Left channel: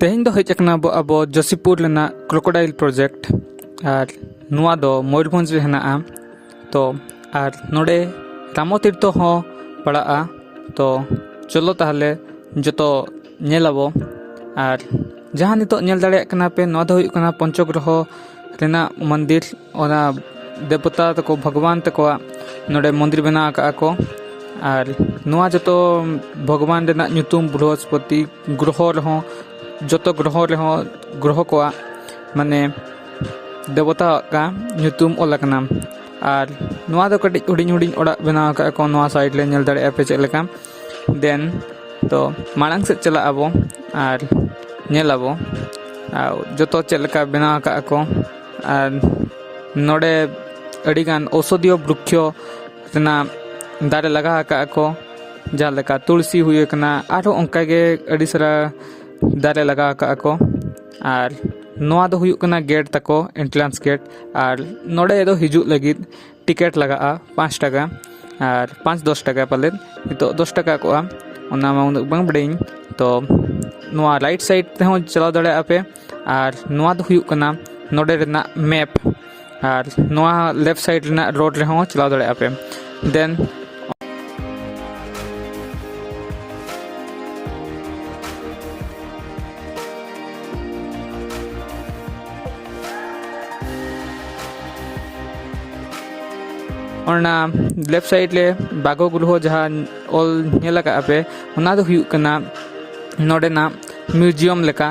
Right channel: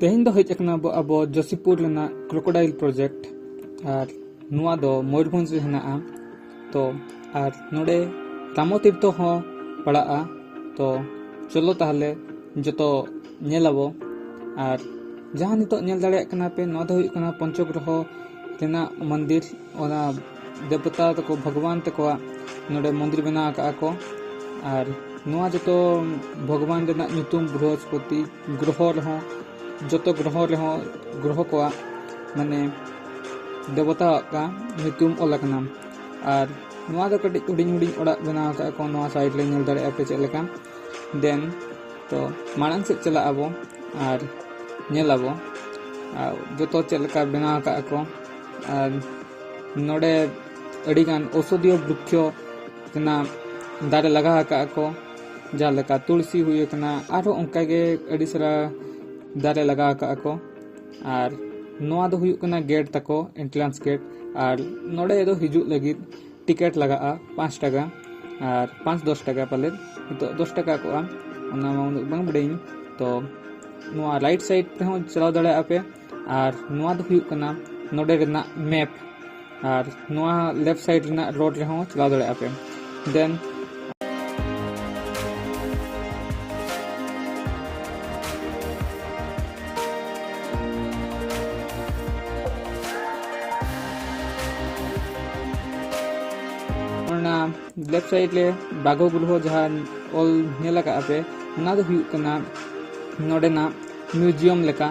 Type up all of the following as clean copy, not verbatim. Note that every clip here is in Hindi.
तेहन दो हेजना अब जसीपुर क्रोकोडाइल प्रोजेक्ट और नुआ दो मयूरभंज रे हेना तो और नोडे रामो तीर्थ हो पड़ा तो चलो ताहले जतो नेलाबो और जहाँ नितो नेल दाड़े कना पे नोआ दो हुई कना पंचग्रह रेना मंदिर ओना देवता तको भगवान तको नोडे मंदिर बना का को और नुआ जतो भगवान रेना ᱧᱩᱛᱩᱢ बृहस्पति ग्रह रहो जतो ग्रह को माने देवता का ᱧᱩᱛᱩᱢ ओलकना और नुआ दो कटी हुडिंग हुडिंग ओड़ा बना का को नुआ साइड ले नेल दाड़े पे चेक लेका देन तो माड़ांग से चला आबो और नेल आबो जतो चेक लेका बना का को और नोडे अड़ीगान औषधीय वृक्ष रेना दारे लगा का को जहाँ लेका तुलसी हुई कना आरो ओंका गे अड़ी सारा दारे लगा का को और नोआ दो हुई कना गेट तको एंट्रेंस गेट और नोडे दो हिजू लगित टिकट लगा 5 टाका और 5-10 टाका पाले तो 10 टाका को ओना मा उन बांग बड़ेኝ तो नोआ राइट साइड ते हो चलाव दड़े आपे और नोआ दो हुई कना नोडे रेना मैप और नोआ लेफ्ट साइड रेना रोड रे हो चलाव दड़े आपे देन और लेफ्ट साइड ले बागो गृह जहाँ ऑल नेला का पे ओना दो हुई कना नोडे ना म्यूजियम लेका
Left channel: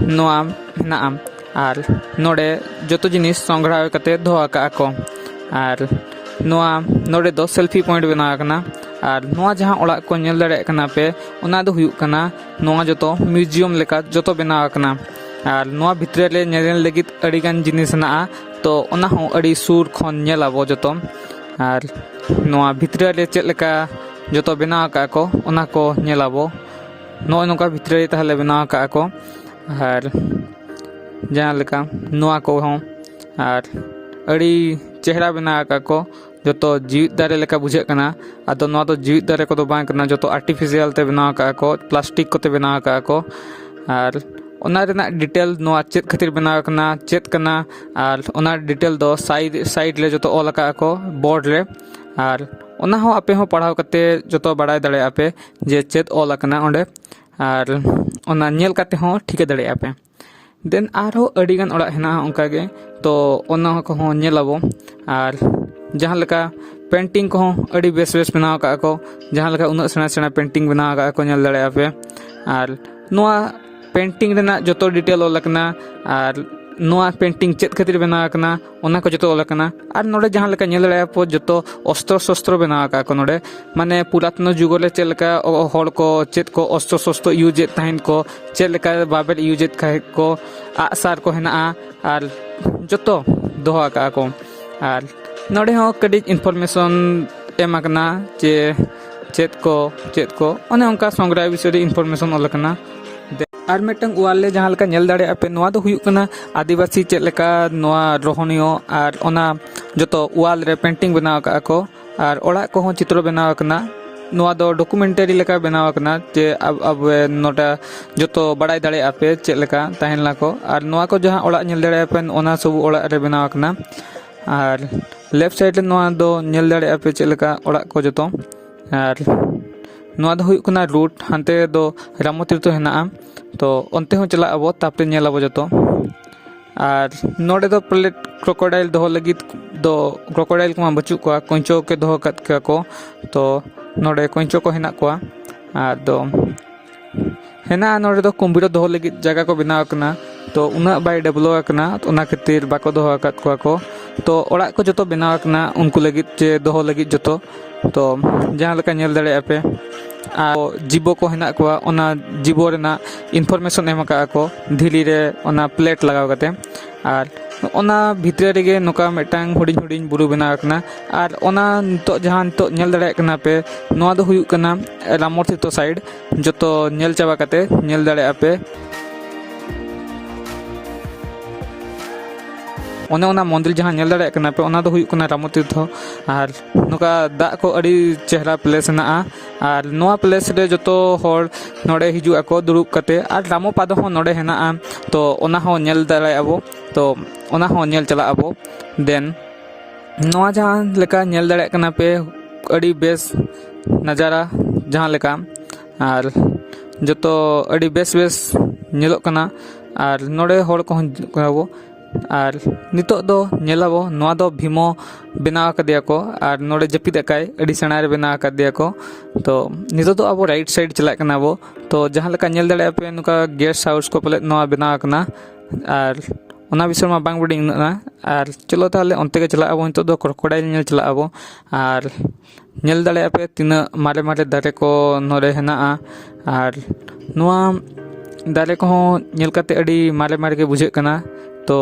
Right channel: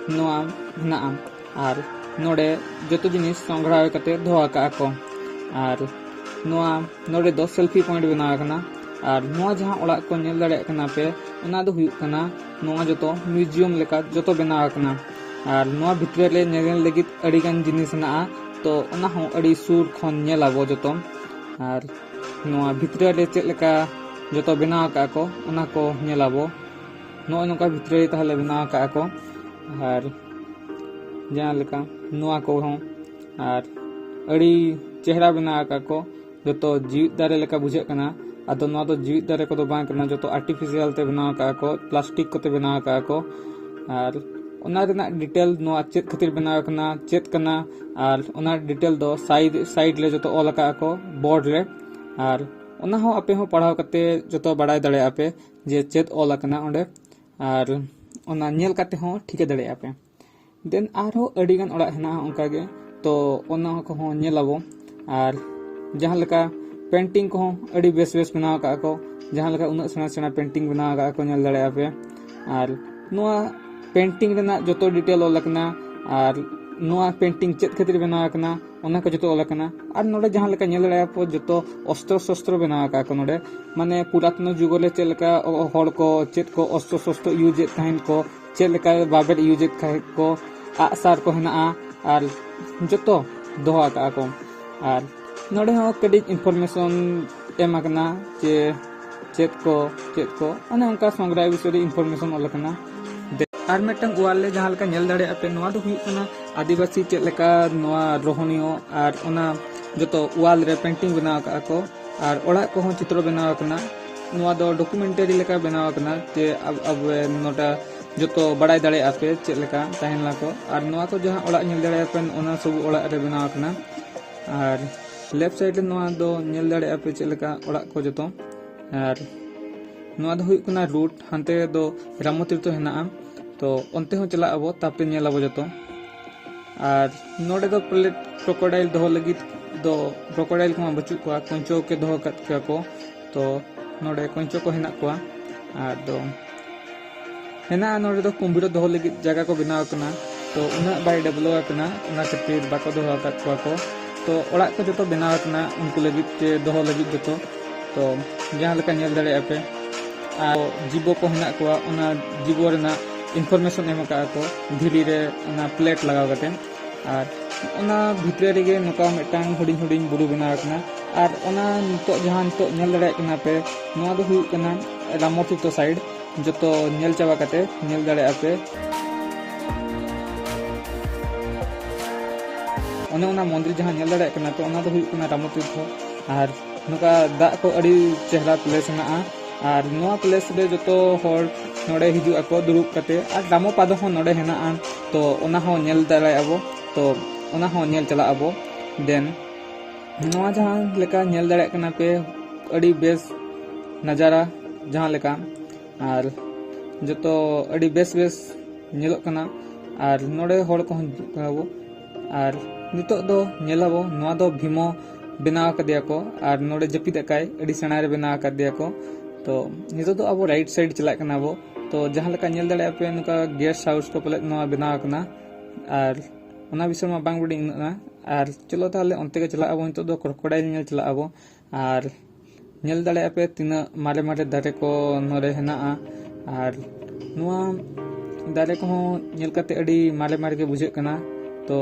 नोआ ना और नोडे जतो जिनिस संग्रह कते दो का को और नोआ नोडे दो सेल्फी पॉइंट बना कना और नोआ जहाँ ओड़ा को नेल दाड़े कना पे ओना दो हुई कना नोआ जतो म्यूजियम लेका जतो बना कना और नोआ भितरे ले नेल लगित अड़ीगान जिनिस ना तो ओना हो अड़ी सूर खन नेलाबो जतो और नोआ भितरे ले चेक लेका जतो बना का को ओना को नेलाबो नो नोका भितरे ताहले बना का को और जहाँ लेका नोआ को हो और अड़ी चेहरा बना का को जतो जीवित दारे लेका बुझे कना आदो नोआ तो जीवित दारे को तो बांग करना जतो आर्टिफिशियल ते बना का को प्लास्टिक को ते बना का को और ओना रेना डिटेल नोआ चेत खातिर बना कना चेत कना और ओना डिटेल दो साइड ले जतो ऑल का को बोर्ड रे और ओना हो आपे हो पढ़ाव कते जतो बड़ाय दड़े आपे जे चेत ऑल कना ओंडे और ओना नेल कते हो ठीक दड़े आपे देन आरो अड़ीगान ओड़ा हेना ओंका गे तो ओना को हो नेलाबो और जहाँ लेका पेंटिंग को अड़ी बेस बनाव का को जहाँ लेका उना सेना सेना पेंटिंग बनाव का को नेल दड़े आपे और नोआ पेंटिंग रेना जतो डिटेल ओलकना और नोआ पेंटिंग चेत खातिर बना कना ओना को जतो ओलकना और नोडे जहाँ लेका नेल दड़े आपो जतो अस्त्र शस्त्र बना का को नोडे माने पुरातन जुग ले चेक लेका होड़ को चेत को अस्त्र शस्त्र यूज तहन को चेक लेका बाबेल यूज खाय को आसार को हेना और जतो दोहा का को और नोडे हो कड़ी इनफॉरमेशन एमाकना जे चेत को ओने उनका संग्रह विषय इनफॉरमेशन ओलकना और मेटंग वाल ले जहाँ लेका नेल दाड़े आपे नोआ दो हुई कना आदिवासी चेक लेका नोआ रोहनियो और ओना जतो वाल रे पेंटिंग बनाव का को और ओड़ा को हो चित्र बनाव कना नोआ दो डॉक्यूमेंटरी लेका बनाव कना जे अब नोटा जतो बड़ाई दाड़े आपे चेक लेका ताहेन ला को और नोआ को जहाँ ओड़ा नेल दाड़े आपे ओना सब ओड़ा रे बनाव कना और लेफ्ट साइड नोआ दो नेल दाड़े आपे चेक लेका ओड़ा को जतो और नोआ दो हुई कना रूट हानते दो रामो तीर्थ हेना तो अंते हो चला अब तापरे नेलाबो जतो और नोडे दो प्लेट क्रोकोडाइल दो लगित दो क्रोकोडाइल को बचु को कंचो के दो कत के को तो नोडे कंचो को हेना को और दो हेना नोडे दो कुंभीर दो लगित जगह को बनाव कना तो उना बाय डेवलप कना तो ओना खातिर बाको दो कत को तो ओड़ा को जतो बनाव कना उनको लगित जे दो लगित जतो तो जहाँ लेका नेल दड़े आपे जीवो को हेना को ओना जीवो रेना इनफॉरमेशन एम का को धीली रे ओना प्लेट लगाव कते और ओना भितरे रेगे नोका मेटांग हुडिंग हुडिंग बुरु बना कना और ओना तो जहाँ तो नेल दड़े कना पे नोआ दो हुई कना रामो तीर्थ साइड जतो नेल चाबा कते नेल दड़े आपे ओने ओना मंदिर जहाँ नेल दाड़े कना पे ओना दो हुयुक कना रामो तीर्थ और नुका दा को अड़ी चेहरा प्लेस ना और नोआ प्लेस रे जतो होर नोडे हिजु आको दुरुब कते और रामो पाद हो नोडे हेना तो ओना हो नेल दाड़े अबो तो ओना हो नेल चला अबो देन नोआ जहाँ लेका नेल दाड़े कना पे अड़ी बेस नजारा जहाँ लेका और जतो अड़ी बेस बेस नेलो कना और नोडे होड़ को हबो और नितो दो नेलाबो नोआ दो भीमो बनाव कदिया को और नोडे जपिद अकाय अड़ी सेना रे बनाव कदिया को तो नितो दो अब राइट साइड चला कना बो तो जहाँ लेका नेल दाड़े पे नुका गेस्ट हाउस को पले नोआ बनाव कना और ओना विषय में बांग बड़ी ना और चलो ताले अंते के चला अब नितो दो क्रोकोडाइल नेल चला अब और नेल दाड़े पे तीना मारे मारे दारे को नोरे हेना और नोआ दारे को नेल कते अड़ी मारे मारे के बुझे कना तो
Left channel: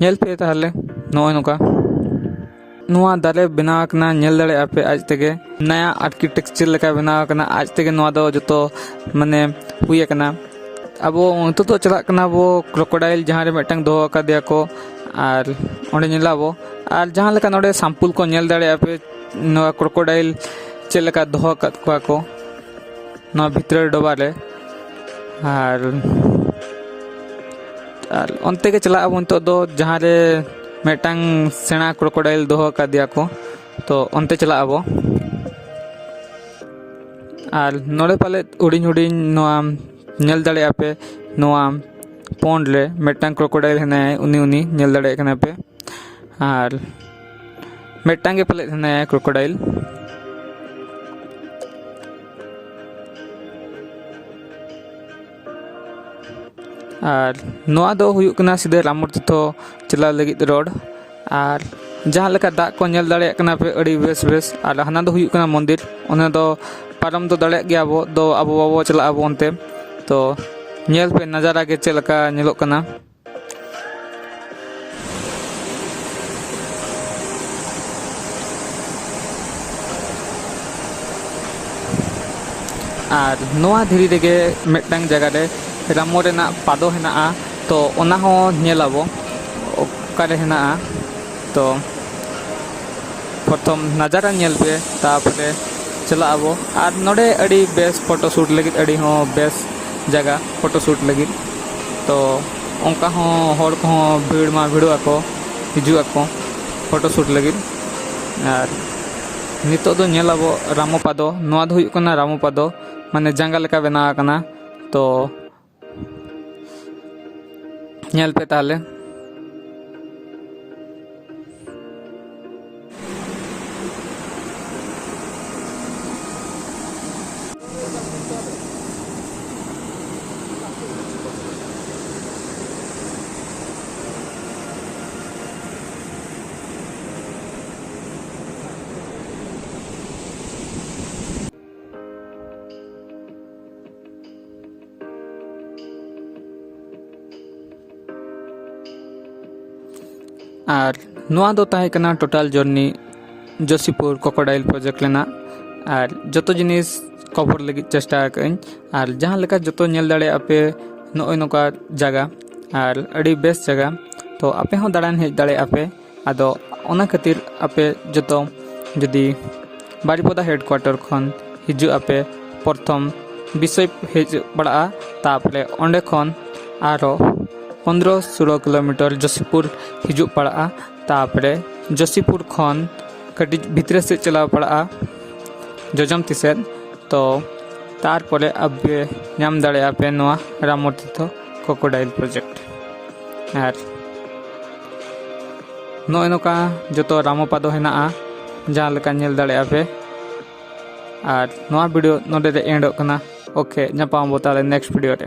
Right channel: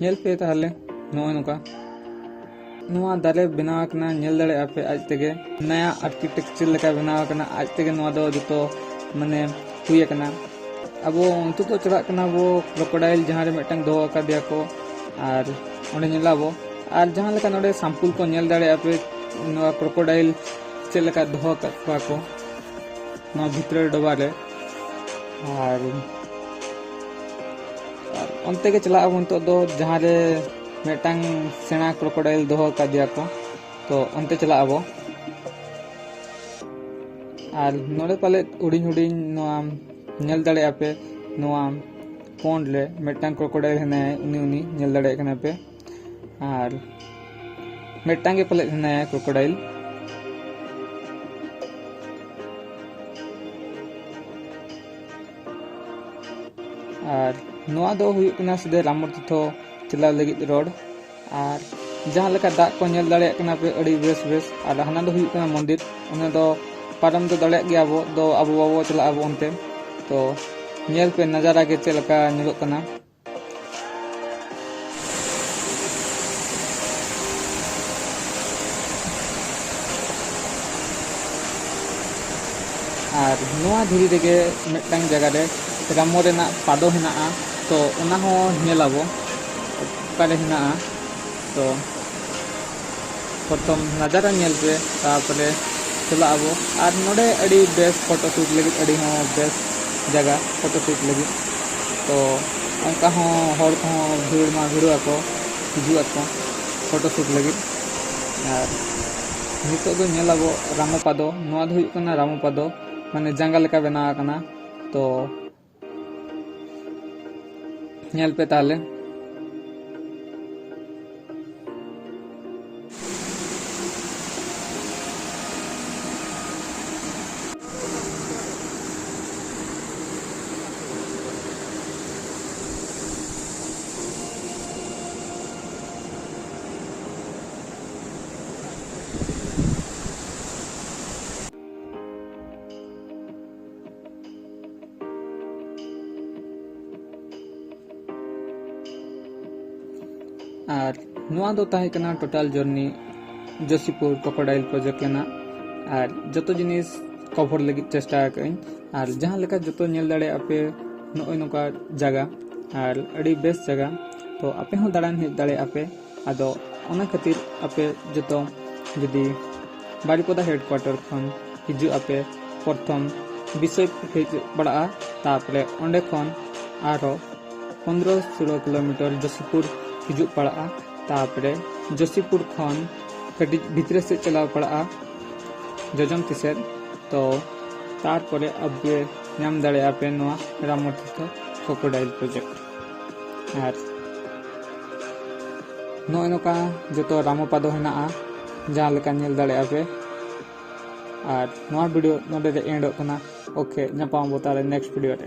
नेल पे ताले नोय नुका नोआ दारे बनाव कना नेल दाड़े पे आज तेगे नया आर्किटेक्चर लेका बनाव कना आज तेगे नोआ दो जतो माने हुए कना अब तो तो चला कना वो क्रोकोडाइल जहाँ रे मिटंग दो का दिया को और ओंडे नेलाबो और जहाँ लेका नोडे सैंपल को नेल दाड़े पे नोआ क्रोकोडाइल चेल लेका दो का को नोआ भितर डोबा रे और अंते के चला अब तो दो जहाँ रे मिटंग सेना क्रोकोडाइल दो का दिया को तो अंते चला अब और नोडे पाले उड़ीन उड़ीन नोआ नेल दाड़े पे नोआ पोंड रे मिटंग क्रोकोडाइल हेना उनी उनी नेल दाड़े कना पे और मिटंग के पाले हेना क्रोकोडाइल और नोआ दो हुयुक कना सीधे रामो तीर्थ चला लगित रोड और जहाँ लेका दा को नेल दाड़े कना पे अड़ी बेस बेस और हाना दो हुयुक कना मंदिर ओना दो पारम तो दाड़े गया वो दो अब बाबो चला अब अंते तो नेल पे नजारा के चलका नेलो कना और नोआ धीरे रेगे मिटंग जगह रे रामो रेना पादो हेना तो ओना हो नेलाबो ओकारे हेना तो प्रथम नजारा नेल पे तापरे चला अब और नोडे अड़ी बेस फोटो शूट लगी अड़ी हो बेस जगह फोटो शूट लगी तो उनका हो होड़ को भीड़ में भिड़ुआ को हिजुआ को फोटो शूट लगी और नितो दो नेलाबो रामो पादो नोआ दो हुयुक कना रामो पादो माने जंगा लेका बनाव कना तो नेल पे ताले और नोआ दो ताहे कना total journey Joshipur crocodile project लेना और जतो जिनिस कवर लगी चेष्टा करें और जहाँ लेका जतो नेल दाड़े आपे नोय नोका जगह और अड़ी बेस जगह तो आपे हो दाड़ान हेज दाड़े आपे आदो ओना खातिर आपे जतो जदी बारीपदा हेडक्वार्टर खन हिजु आपे प्रथम विषय हेज बड़ा तापरे ओंडे खन आरो 15-16 किलोमीटर जोशीपुर हिजु पड़ा तापरे जोशीपुर खन कटी भितर से चला पड़ा जोजम तीसे तो तार परे अब नाम दाड़े पे नोआ रामो तीर्थ क्रोकोडाइल प्रोजेक्ट और नोय नोका जतो रामो पादो हेना जहाँ लेका नेल दाड़े पे और नोआ वीडियो नोडे रे एंड कना ओके नपाम बोताले नेक्स्ट वीडियो रे।